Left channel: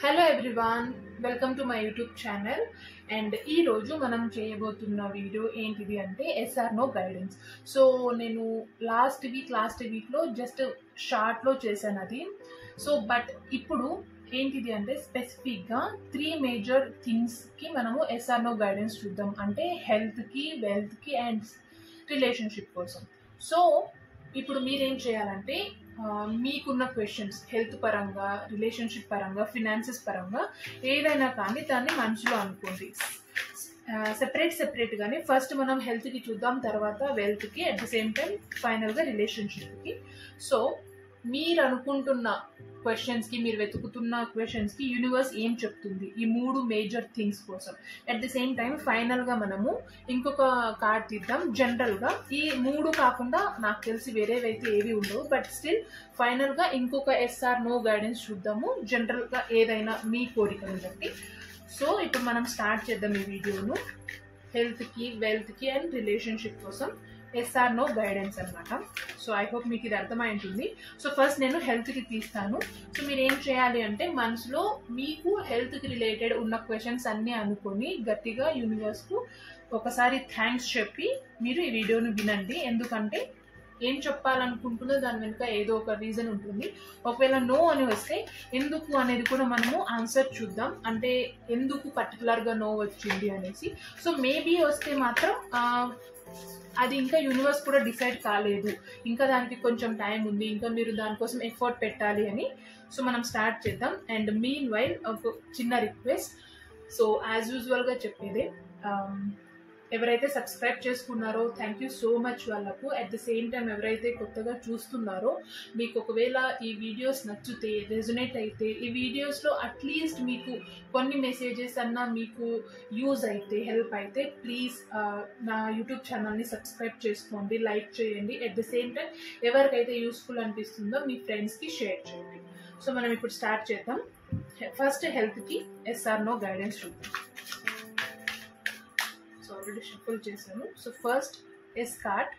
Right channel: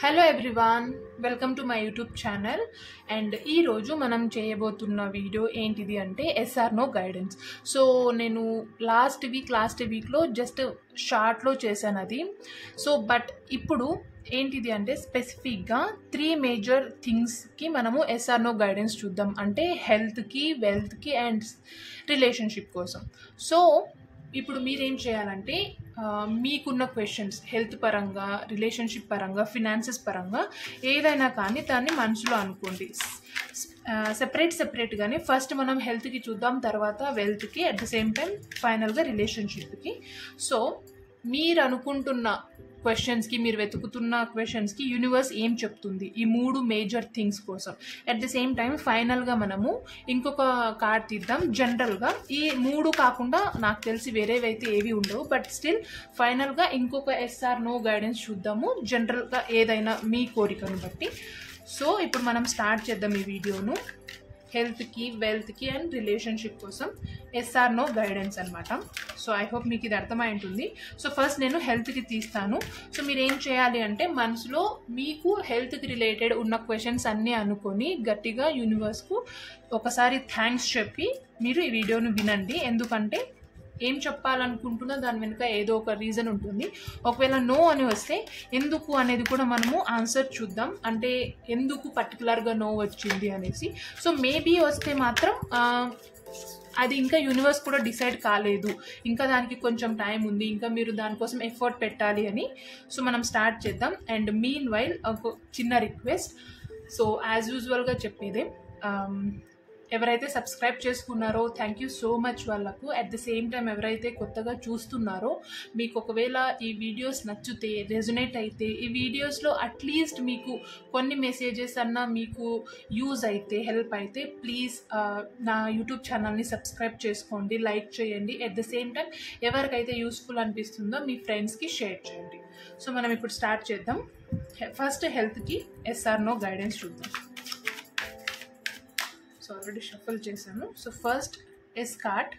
Hello everyone, welcome to my YouTube channel. And ఈరోజు మనం చేయబోతున్న వీడియో ఏంటిది అంటే ఎస్ఆర్ నో గైడెన్స్. సో నేను లాస్ట్ వీక్లో జస్ట్ షార్ట్లో చేశాను అది. సో బట్ ఇప్పుడు ఏంటిది అంటే స్పెసిఫిక్గా 3 మేజర్ థింగ్స్కి మనము ఎస్ఆర్ నో గైడెన్స్ చూద్దాం. అంటే హెల్త్కి, వెల్త్కి అండ్ రిలేషన్షిప్ కోసం. సో ఇప్పుడు మీరేం చేయాలంటే మీకున్న క్వశ్చన్స్ హెల్త్ పరంగా, రిలేషన్షిప్ పరంగా, ఫినాన్సెస్ పరంగా ఏదైనా కానీ దాన్ని మనసులో అనుకోండి. సెపరేట్గానే ఫస్ట్ మనం హెల్త్కి చూద్దాం, తర్వాత వెల్త్కి, అట్ ద సేమ్ టైం ఫైనల్గా రిలేషన్షిప్కి. సో మీరు అనుకుంటున్న క్వశ్చన్స్కి, మీరు వెతుకుతున్న క్వశ్చన్స్కి యూనివర్స్ ఏం చెప్తుంది ఈ 3 మేజర్ థింగ్స్ కోసం. అట్ ది సేమ్ టైం ఫైనల్గా మనము ఇంకొక కార్డ్ తీద్దాం. జనరల్గా ఈ 3 కాకుండా నాకు తెలిసి వేరేవైతే ఏవి ఉండవు, బట్ స్టిల్ ఫైనల్గా ఇంకొక ఎస్ఆర్ నో గైడెన్స్ చూద్దాము, జనరల్గా ఏదైనా మీ కోరికను బట్టి. సో ఇప్పుడు మనం స్టార్ట్ చేద్దాం ఈ వీడియోను. హెల్త్కి, వెల్త్కి అండ్ రిలేషన్షిప్ కోసం ఎస్ఆర్ నో గైడెన్స్ అనమాట. సో ఐ హోప్ మీకు ఇది అర్థమై ఉంటుంది. సో ఫస్ట్ నేను హెల్త్కి తీస్తాను. సో మీరు ఏం చేయాలి అంటే మనసులో మీకు హెల్త్కి రిలేటెడ్ ఉన్న క్వశ్చన్స్ అన్నీ అనుకొని గట్టిగా యూనివర్స్కు ఒకసారి థ్యాంక్స్ చెప్పి మీరు ఈ వీడియోను వినండి. ఎందుకంటే ఏం చెప్పాలనుకుంటుందో దాని వెనుక ఏదో ఒక రీజన్ ఉంటుంది. ఒకవేళ నో అని వస్తే ఎందుకు అనేది కూడా మనము ఆన్సర్ చూద్దాం, అంటే ఎందుకు పర్టికులర్గా నో వచ్చింది అనేసి. సో మేబీ వస్తే మాత్రం అది ఇంకా యూనివర్స్ కూడా డిసైడ్ కాలేదు, ఇంకా దానికి కొంచెం టైం ఉంది, ఇంకా మీరు దానికోసం ఎఫర్ట్ పెట్టాలి అని. సో మనం స్టార్ట్ చేద్దాం. అండ్ మీన్ వైల్ ఒక చిన్న రిక్వెస్ట్. సో యాజ్ యూజువల్గా చెప్పేదే, ఎవరైతే సబ్స్క్రైబ్ చేసుకున్నారో థ్యాంక్ యూ సో మచ్ వాళ్ళకు. అట్ ద సేమ్ టైం ఎవరైతే కొత్తగా చూస్తున్నారో మీకు ఒకవేళ ఈ వీడియోస్ నచ్చితే, రెజొనేట్ అయితే, ఈ వీడియోస్లో అట్లీస్ట్ మీకు కొన్ని మెసేజెస్ అన్నా మీకు యూజ్ అయితే, హెల్ప్ అయితే, ప్లీజ్ నా యూట్యూబ్ ఛానల్ని సబ్స్క్రైబ్ చేసుకోండి, లైక్ చేయండి. అట్ ద సేమ్ టైం ఎవరికైతే యూస్ఫుల్ అనిపిస్తుందో మీ ఫ్రెండ్స్కి షేర్ చేయండి. సో మనం ఇప్పుడు స్టార్ట్ చేద్దాం. ఫస్ట్ హెల్త్కి ఎస్ఆర్ నో గైడెన్స్ చూద్దాం. సో ఆల్రెడీ షఫల్ చేశాను. So first yes card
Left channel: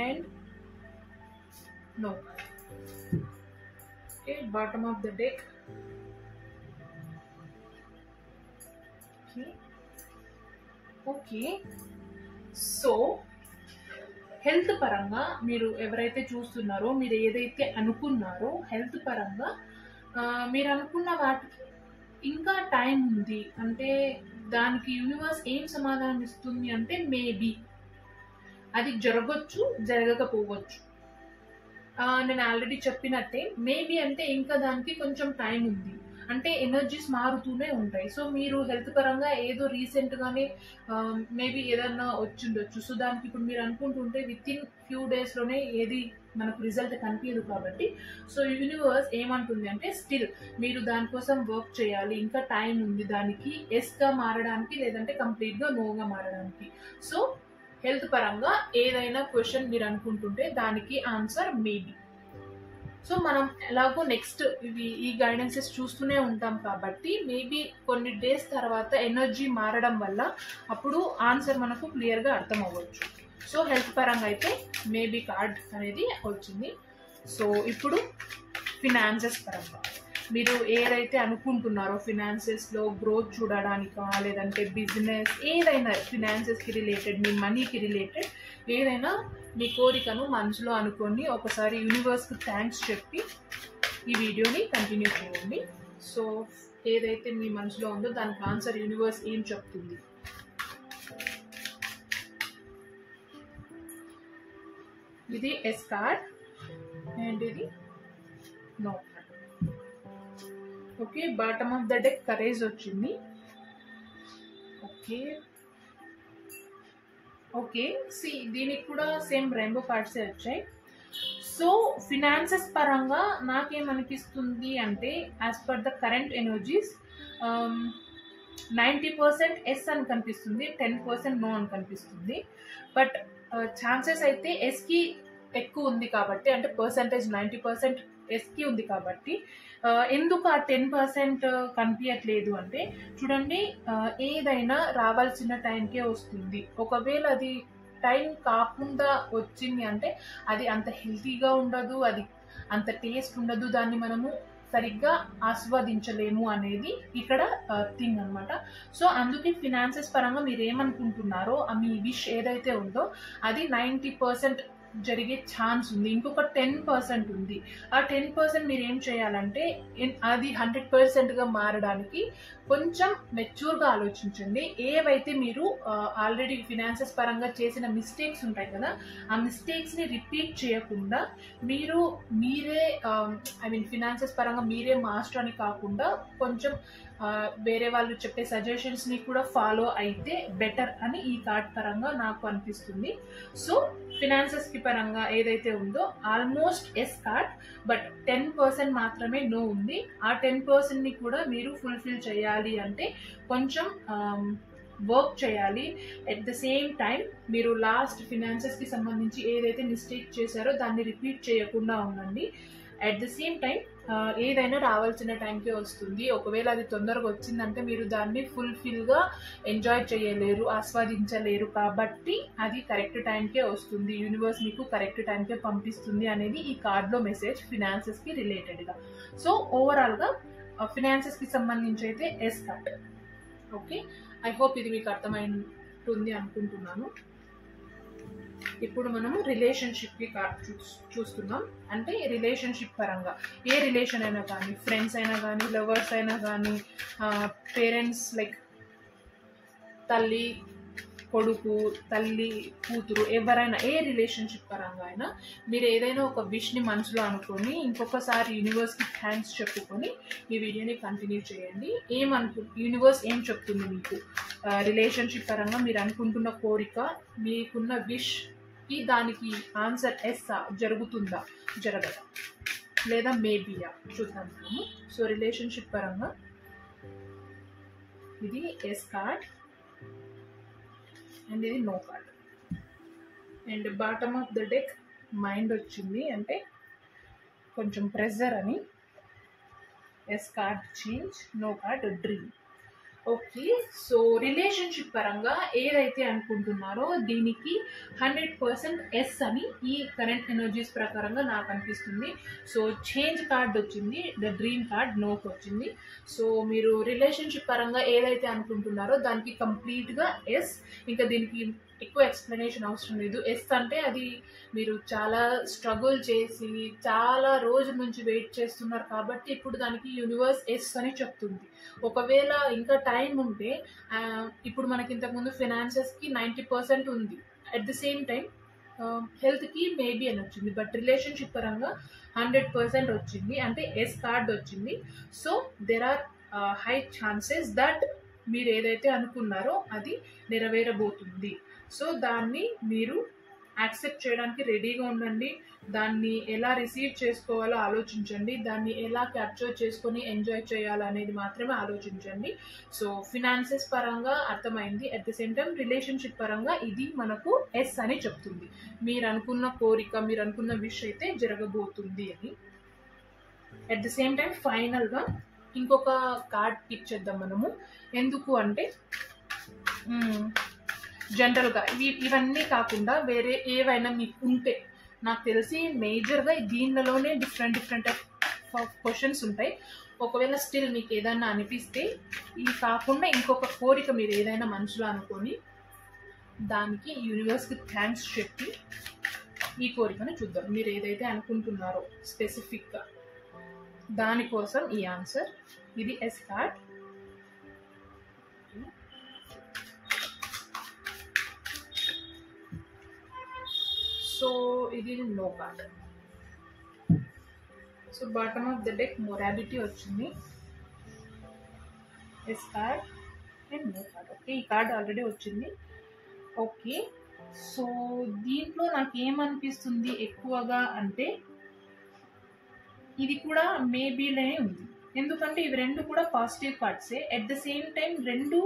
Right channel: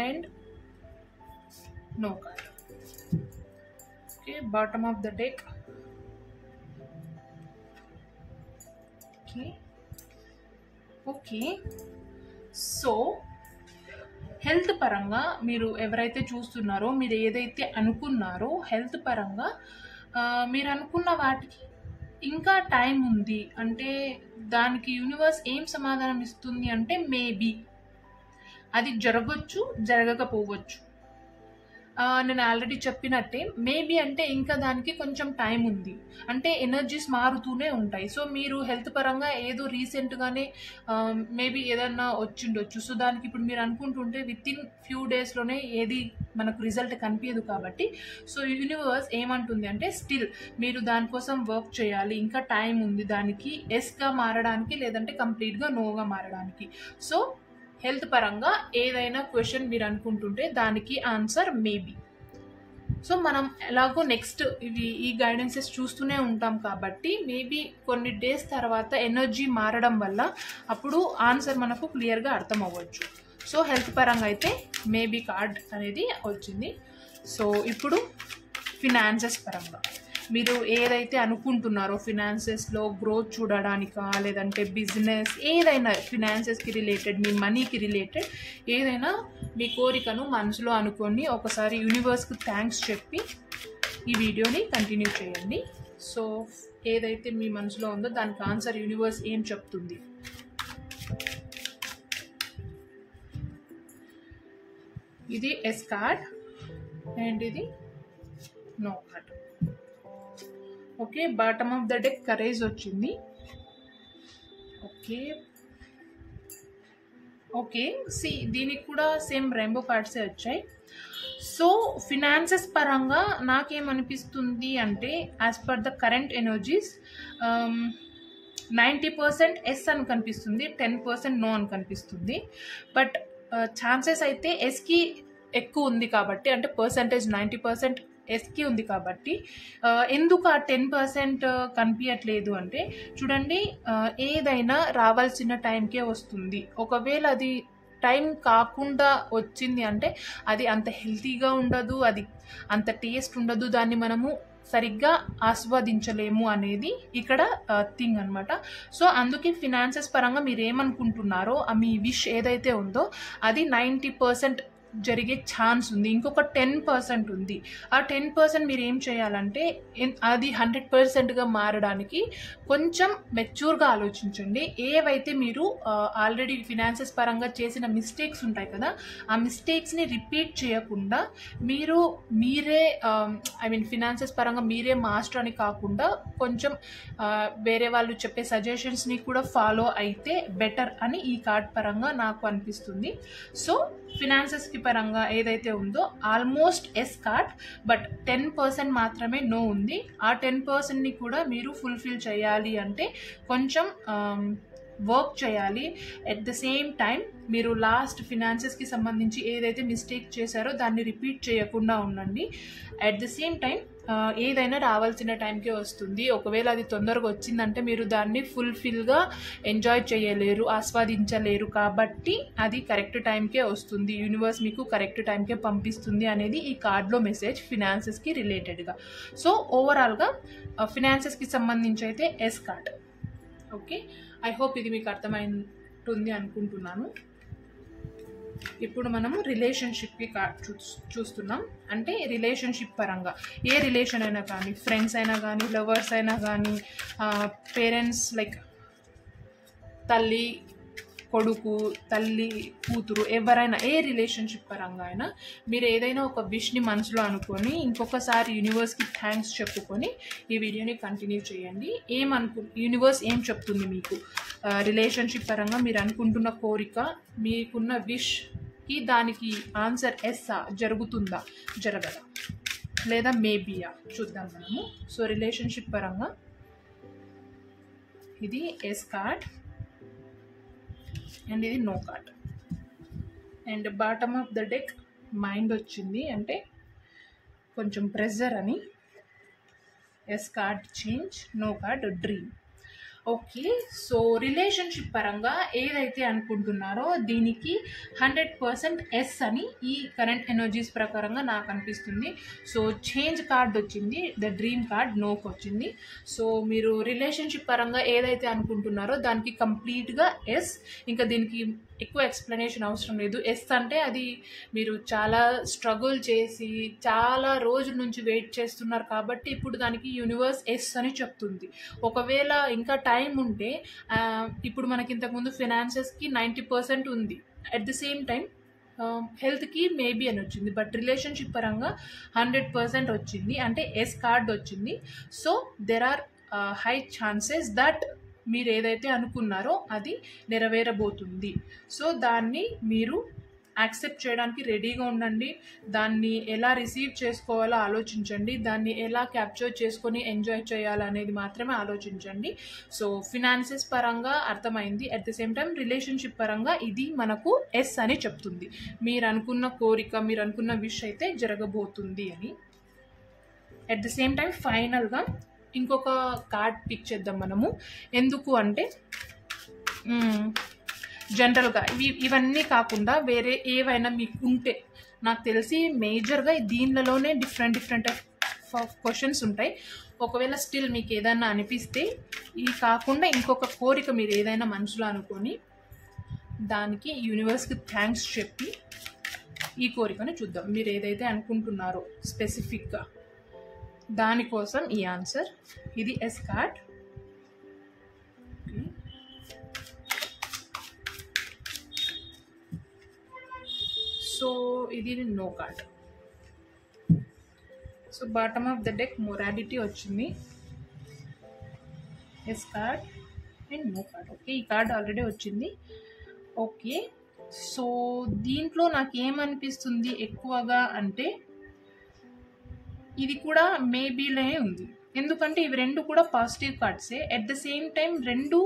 and no card. Okay, bottom of the deck. Okay so health పరంగా మీరు ఎవరైతే చూస్తున్నారో, మీరు ఏదైతే అనుకున్నారో హెల్త్ పరంగా మీరు అనుకున్న వాటికి ఇంకా టైం ఉంది. అంటే దానికి యూనివర్స్ ఏం సమాధానం ఇస్తుంది అంటే మేబీ అది జరగచ్చు, జరగకపోవచ్చు. నేను ఆల్రెడీ చెప్పినట్టే మేబీ అంటే ఇంకా దానికి కొంచెం టైం ఉంది, అంటే ఎనర్జీస్ మారుతూనే ఉంటాయి. సో మీరు హెల్త్ పరంగా ఏదో రీసెంట్గానే మేబీ ఏదన్నా వచ్చిండొచ్చు. సో దానికి ఇప్పుడు మీరు అనుకుంటుంటే వితిన్ ఫ్యూ డేస్లోనే ఏది మనకు రిజల్ట్ కనిపించదు. కాబట్టి సో యూనివర్స్ ఏమంటుంది అంటే స్టిల్ మీరు దానికోసం వర్క్ చేయాలి, ఇంకా టైం ఉంది దానికి ఎస్గా మారడానికి, లేదంటే కంప్లీట్గా నోగా మారడానికి. సో హెల్త్ పరంగా ఏదైనా క్వశ్చన్ మీరు అనుకుంటుంటే దానికి ఆన్సర్ మేబీ. సో మనం ఎలాగో నెక్స్ట్ ఈ గైడెన్సెస్ చూస్తూనే ఉంటాం కాబట్టి మేబీ కొన్ని డేస్ తర్వాత ఎనర్జీ మారడం వల్ల అప్పుడు ఆన్సర్ మనకు క్లియర్గా అర్థం అవ్వచ్చు. సో హెల్త్ పరంగా అయితే మేబీ కార్డ్ అనేది వచ్చింది. సో ఇప్పుడు ఫినాన్సెస్ పరంగా మీరు ఏదైతే అనుకుంటున్నారో, ఫినాన్సెస్లో గ్రోత్ చూడడానికా, లేదంటే బిజినెస్, ఏదైనా ఫినాన్సెస్కి రిలేటెడ్, మీ మనీకి రిలేటెడ్ ఏదైనా మీ కోరికను మనసులో అనుకొని ఒకసారి యూనివర్స్కి థ్యాంక్స్ చెప్పి ఈ వీడియోని కంటిన్యూ చేయండి. సో ఏదైతే మీ మనసులో ఉందో దానికి ఆన్సర్ యూనివర్స్ ఏం చెప్తుంది. ఇది ఎస్ కార్డ్ అండ్ ఇది no card. Okay, bottom of the deck courage వచ్చింది. ఓకే సి దీనికి కూడా సేమ్ రెయిన్బో కార్డ్సే వచ్చాయి. సో ఫినాన్సెస్ పరంగా నాకేమనిపిస్తుంది అంటే as per the current energies 90% yes అని కనిపిస్తుంది, 10% నో అని కనిపిస్తుంది. బట్ ఛాన్సెస్ అయితే ఎస్కి ఎక్కువ ఉంది కాబట్టి, అంటే పర్సంటేజ్ 90% ఎస్కి ఉంది కాబట్టి ఎందుకు ఆ 10% కనిపించట్లేదు అంటే చూడండి, ఏదైనా రావాల్సిన టైంకే వస్తుంది. ఒకవేళ అది టైం కాకుండా వచ్చింది అంటే అది అంత హెల్తీగా ఉండదు, అది అంత టేస్ట్ ఉండదు, దాన్ని మనము సరిగ్గా ఆస్వాదించలేము అనేది ఇక్కడ థింగ్ అనమాట. సో అందుకే ఫినాన్సెస్ పరంగా మీరు ఏమనుకుంటున్నారో మీ విష్ ఏదైతే ఉందో అది 90% జరిగే ఛాన్స్ ఉంది. ఇంకొక 10% ఉంది. ఆ 10% మీరు ఏం చేయాలంటే అది 100%గా మారడానికి కొంచెం మెచ్యూర్గా ఆలోచించండి. ఏవైతే మీరు ఆల్రెడీ ఫినాన్సెస్ పరంగా చేసిన మిస్టేక్స్ ఉంటాయి కదా, ఆ మిస్టేక్స్ని రిపీట్ చేయకుండా మీరే ఫినాన్సెస్ పరంగా మీరే మాస్టర్ అని కాకుండా కొంచెం వేరే వాళ్ళు చెప్పే సజెషన్స్ని కూడా ఫాలో అయితే బెటర్ అని ఈ కార్డ్ పరంగా నాకు అనిపిస్తుంది. సో ఫినాన్సెస్కి పరంగా ఏదైతే ఉందో ఆల్మోస్ట్ ఎస్ కార్డ్, బట్ 10% మాత్రమే నో ఉంది. ఆ 10%ని కూడా మీరు ఫుల్ఫిల్ చేయాలి అంటే కొంచెం వర్క్ చేయాలి. ఎట్ ద సేమ్ టైం మీరు లాస్ట్ ఫినాన్సెస్కి సంబంధించి ఏదైతే మిస్టేక్ చేశారో దాన్ని రిపీట్ చేయకుండా ఉండండి. అట్ ద సేమ్ టైం ఏదైనా రావాల్సిన టైంకే వస్తుంది. ఒకవేళ అది తొందరగా వచ్చిందంటే మీరు దాన్ని ఫుల్ఫిల్గా ఎంజాయ్ చేయలేరు, ఆస్వాదించలేరు. కాబట్టి అది కరెక్ట్ టైంకే వస్తుంది, యూనివర్స్ మీకు కరెక్ట్ టైంకే పంపిస్తుంది అనేది ఈ కార్డ్లో మెసేజ్ ఫినాన్సెస్కి రిలేటెడ్గా. సో ఓవరాల్గా ఫినాన్సెస్కి సంబంధించి అయితే yes card. Okay, I hope ఇది మీకు అర్థమైంటుంది అనుకుంటున్నాను. ఇప్పుడు మనము రిలేషన్షిప్కి చూస్తున్నాం. అంటే రిలేషన్షిప్ పరంగా ఏ రిలేషన్ అయినా కానీ, ఫ్రెండ్స్ అయినా కానీ, లవర్స్ అయినా కానీ, పేరెంట్స్ లైక్ తల్లి కొడుకు, తల్లి కూతురు, ఎవరైనా ఏ రిలేషన్షిప్ పరంగా అయినా మీరు ఏదైనా ఒక విష్ని మనసులో అనుకొని ఇంకొకసారి యూనివర్స్కి థ్యాంక్స్ చెప్పుకొని ఈ వీడియోని కంటిన్యూ చేయండి. యూనివర్స్ ఏం చెప్తుంది మీకు రిలేషన్షిప్ పరంగా, మీరు అనుకుంటున్న కోరిక, మీకున్న విష్కి దానికి ఆన్సర్ ఎస్సా, జరుగుతుందా, జరగదా, లేదా మేబీయా చూద్దాం మనము. సో రిలేషన్షిప్ పరంగా ఇది ఎస్ కార్డ్ అండ్ ఇది no card. And bottom of the deck mind వచ్చింది, అంటే కొంచెం ప్రెజర్ అని. Yes card change, no card dream. Okay, so relationship పరంగా ఏదైతే అనుకుంటున్నారో దీనికి 100% ఎస్ అని ఈ కరెంట్ ఎనర్జీస్ ప్రకారంగా నాకు అనిపిస్తుంది. సో చేంజ్ కార్డ్ వచ్చింది, ద డ్రీమ్ కార్డ్ నోకి వచ్చింది. సో మీరు రిలేషన్షిప్ పరంగా ఏదైతే అనుకుంటున్నారో దానికి కంప్లీట్గా ఎస్. ఇంకా దీనికి ఎక్కువ ఎక్స్ప్లెనేషన్ అవసరం లేదు. ఎస్ అంటే అది మీరు చాలా స్ట్రగుల్ చేసి చాలా రోజుల నుంచి వెయిట్ చేస్తున్నారు కాబట్టి ఇప్పుడు దానికి యూనివర్స్ ఎస్ అని చెప్తుంది. ఒకవేళ ఇంకా టైం ఉంటే ఇప్పుడు మనకి ఇంతకుముందు ఫినాన్సెస్కి 90% ఉంది, అట్ ది సేమ్ టైం హెల్త్కి మేబీ అని వచ్చింది, బట్ రిలేషన్షిప్ పరంగా 100% వచ్చింది, అంటే ఎస్ కార్డ్ వచ్చింది. So there are high chances that మీరు ఏదైతే అనుకున్నారో అది నెరవేరబోతుంది. సో దాన్ని మీరు యాక్సెప్ట్ చేయడానికి రెడీగా ఉండండి. దాన్ని ఎలా రిసీవ్ చేసుకోవాలో ఆలోచించండి, దాన్ని ఎలా క్యాప్చర్ చేసుకొని ఎంజాయ్ చేయాలి అనేది మాత్రమే ఆలోచించండి. సో ఫినాన్సెస్ పరంగా అర్థమైంది, at the same time relationship పరంగా ఇది మనకు ఎస్ అని చెప్తుంది. మీరు అనుకున్న కోరిక, మీరు అనుకున్న విష్ అయితే జరగబోతుంది అని. అట్ ద సేమ్ టైం ఫైనల్గా ఇంకొక కార్డ్ పిక్ చేద్దాం మనము. ఎందుకు అంటే జనరల్గా ఇవన్నీ కాకుండా వేరే ఏవైనా మీకు ఉంటే, నాకు తెలిసి మేజర్గా దీనిలోనే డిఫరెంట్ క్వశ్చన్స్ ఉంటాయి. ఒకవేళ స్టిల్ మీకు ఏదైనా అనిపిస్తే ఇది కాకుండా ఇంకొక కోరిక మీరు ఏదైనా మనసులో అనుకొని దానికి యూనివర్స్కి థ్యాంక్స్ చెప్పి ఈ కోరికను చూద్దాం. మీరు ఏదైతే అనుకుంటున్నారో స్పెసిఫిక్గా దానికోసం ఈ ఆన్సర్. ఇది ఎస్ కార్డ్. సో ఇది no card. So bottom of the deck morality వచ్చింది, yes card and no card. Okay, ఈ కార్డ్ ఆల్రెడీ వచ్చింది. ఓకే, సో దీంట్లో నాకు ఏమనిపిస్తుంది ఎక్కువగా అంటే ఇది కూడా మేబీలోనే ఉంది. ఎందుకంటే ఇవి రెండు కూడా పాజిటివ్ కార్డ్సే. అట్ ద సేమ్ టైం రెండు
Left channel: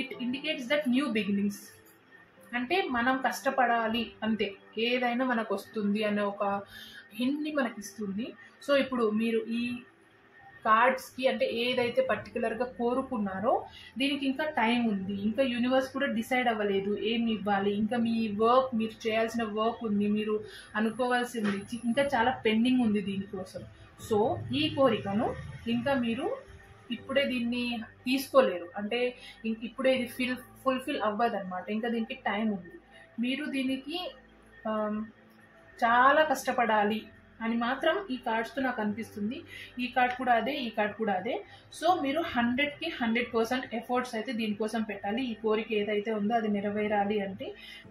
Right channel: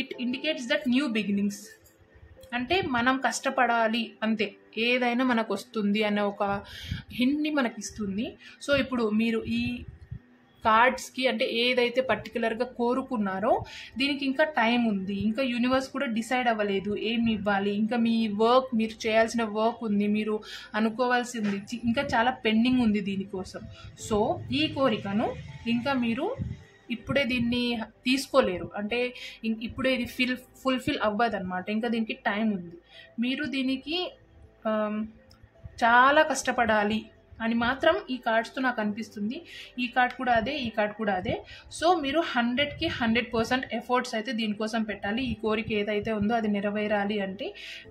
it indicates that new beginnings, అంటే మనం కష్టపడాలి అంతే, ఏదైనా మనకు వస్తుంది అనే ఒక హింట్ని మనకి ఇస్తుంది. సో ఇప్పుడు మీరు ఈ కార్డ్స్కి అంటే ఏదైతే పర్టికులర్గా కోరుకున్నారో దీనికి ఇంకా టైం ఉంది. ఇంకా యూనివర్స్ కూడా డిసైడ్ అవ్వలేదు ఏమి ఇవ్వాలి. ఇంకా మీ వర్క్, మీరు చేయాల్సిన వర్క్ ఉంది, మీరు అనుకోవాల్సింది ఇంకా చాలా పెండింగ్ ఉంది దీనికోసం. సో ఈ కోరికను ఇంకా మీరు ఇప్పుడే దీన్ని తీసుకోలేరు, అంటే ఇప్పుడే ఇది ఫుల్ఫిల్ అవ్వదన్నమాట. ఇంకా దీనికి టైం ఉంది. మీరు దీనికి చాలా కష్టపడాలి అని మాత్రం ఈ కార్డ్స్తో నాకు అనిపిస్తుంది. ఈ కార్డ్ కూడా అదే, ఈ కార్డ్ కూడా అదే. సో మీరు 100కి 100% ఎఫర్ట్స్ అయితే దీనికోసం పెట్టాలి. ఈ కోరిక ఏదైతే ఉందో అది నెరవేరాలి అంటే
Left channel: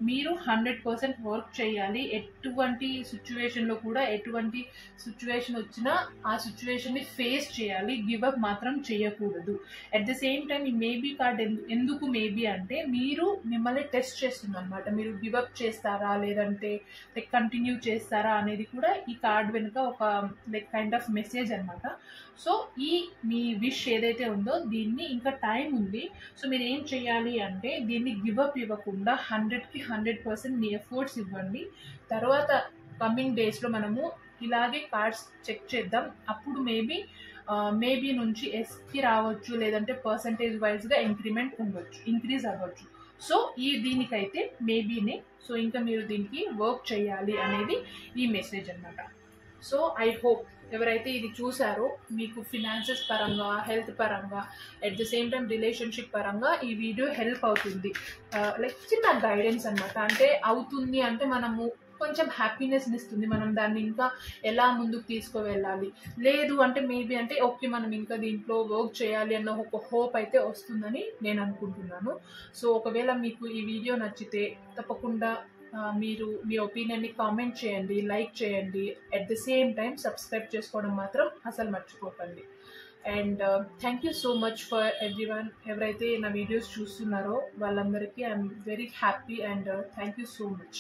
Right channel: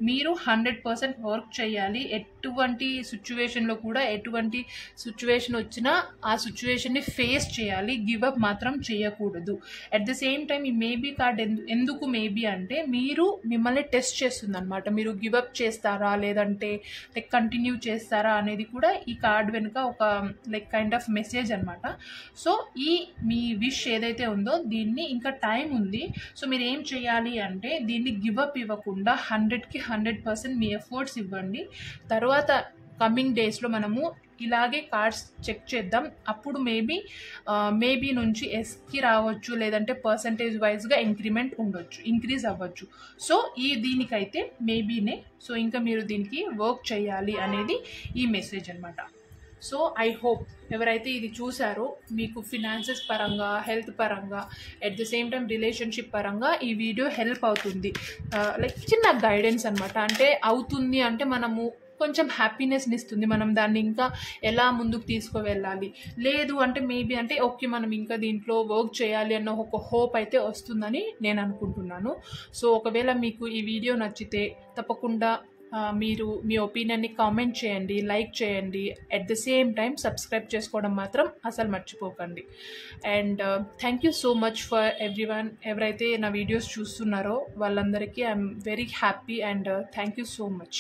మీరు 100% వర్క్ చేయాలి. ఎటువంటి సిచ్యువేషన్లో కూడా ఎటువంటి సిచ్యువేషన్ వచ్చినా ఆ సిచ్యువేషన్ని ఫేస్ చేయాలి. గివప్ మాత్రం చేయకూడదు. అట్ ద సేమ్ టైం ఈ మేబీ కార్డ్ ఎందుకు మేబీ అంటే మీరు మిమ్మల్ని టెస్ట్ చేస్తుంది అనమాట. మీరు గివప్ చేస్తారా లేదంటే లైక్ కంటిన్యూ చేస్తారా అనేది కూడా ఈ కార్డ్ వెనుక ఒక లైక్ కైండ్ ఆఫ్ మెసేజ్ అనమాట. సో ఈ మీ విష్ ఏదైతే ఉందో దీన్ని ఇంకా టైం ఉంది. సో మీరు ఏం చేయాలి అంటే దీన్ని గివప్ ఇవ్వకుండా 100కి 100% మీ ఎఫర్ట్స్ ఇవ్వండి. తర్వాత కమింగ్ డేస్లో మనము ఇలాగే కార్డ్స్ చెక్ చేద్దాం. అప్పుడు మేబీ నుంచి ఎస్కి రావచ్చు, లేదంటే పర్సంటేజ్ వైజ్గా ఇంక్రీజ్ అవ్వచ్చు. సో దీనికైతే మేబీనే. సో ఇంకా మీరు దీనికి వర్క్ చేయాలి అనేది ఈ మెసేజ్ అనమాట. సో ఐ హోప్ ఎవరైతే ఇది చూసారో మీకు ఫినాన్సెస్ పరంగా, హెల్త్ పరంగా, at the same time relationship పరంగా ఈ వీడియో హెల్ప్ అవుతుంది. లైక్ చిన్న గైడెన్స్ అనమాట. అంటే అవుతుంది అంటే మనము కొంచెం హ్యాపీనెస్ని ఇస్తుంది. మనం దాన్ని ఇంకా ఎలా ముందుకు తీసుకువెళ్ళాలి, లేదు అంటే మేబీ అంటే ఓకే మనం ఇంకా దీంట్లో వర్క్ చేయాలి అన్న ఒక హోప్ అయితే వస్తుందని నేను అనుకుంటున్నాను. సో ఒకవేళ మీకు ఈ వీడియో నచ్చితే తప్పకుండా మీరు మీ ఒపీనియన్ని కామెంట్ చేయండి, లైక్ చేయండి. At the same time subscribe చేసుకోవడం మాత్రం అసలు మర్చిపోకండి. And thank you so much for everyone. ఎవరైతే నా వీడియోస్ చూస్తున్నారో వాళ్ళందరికీ I'm very happy and thank you so much.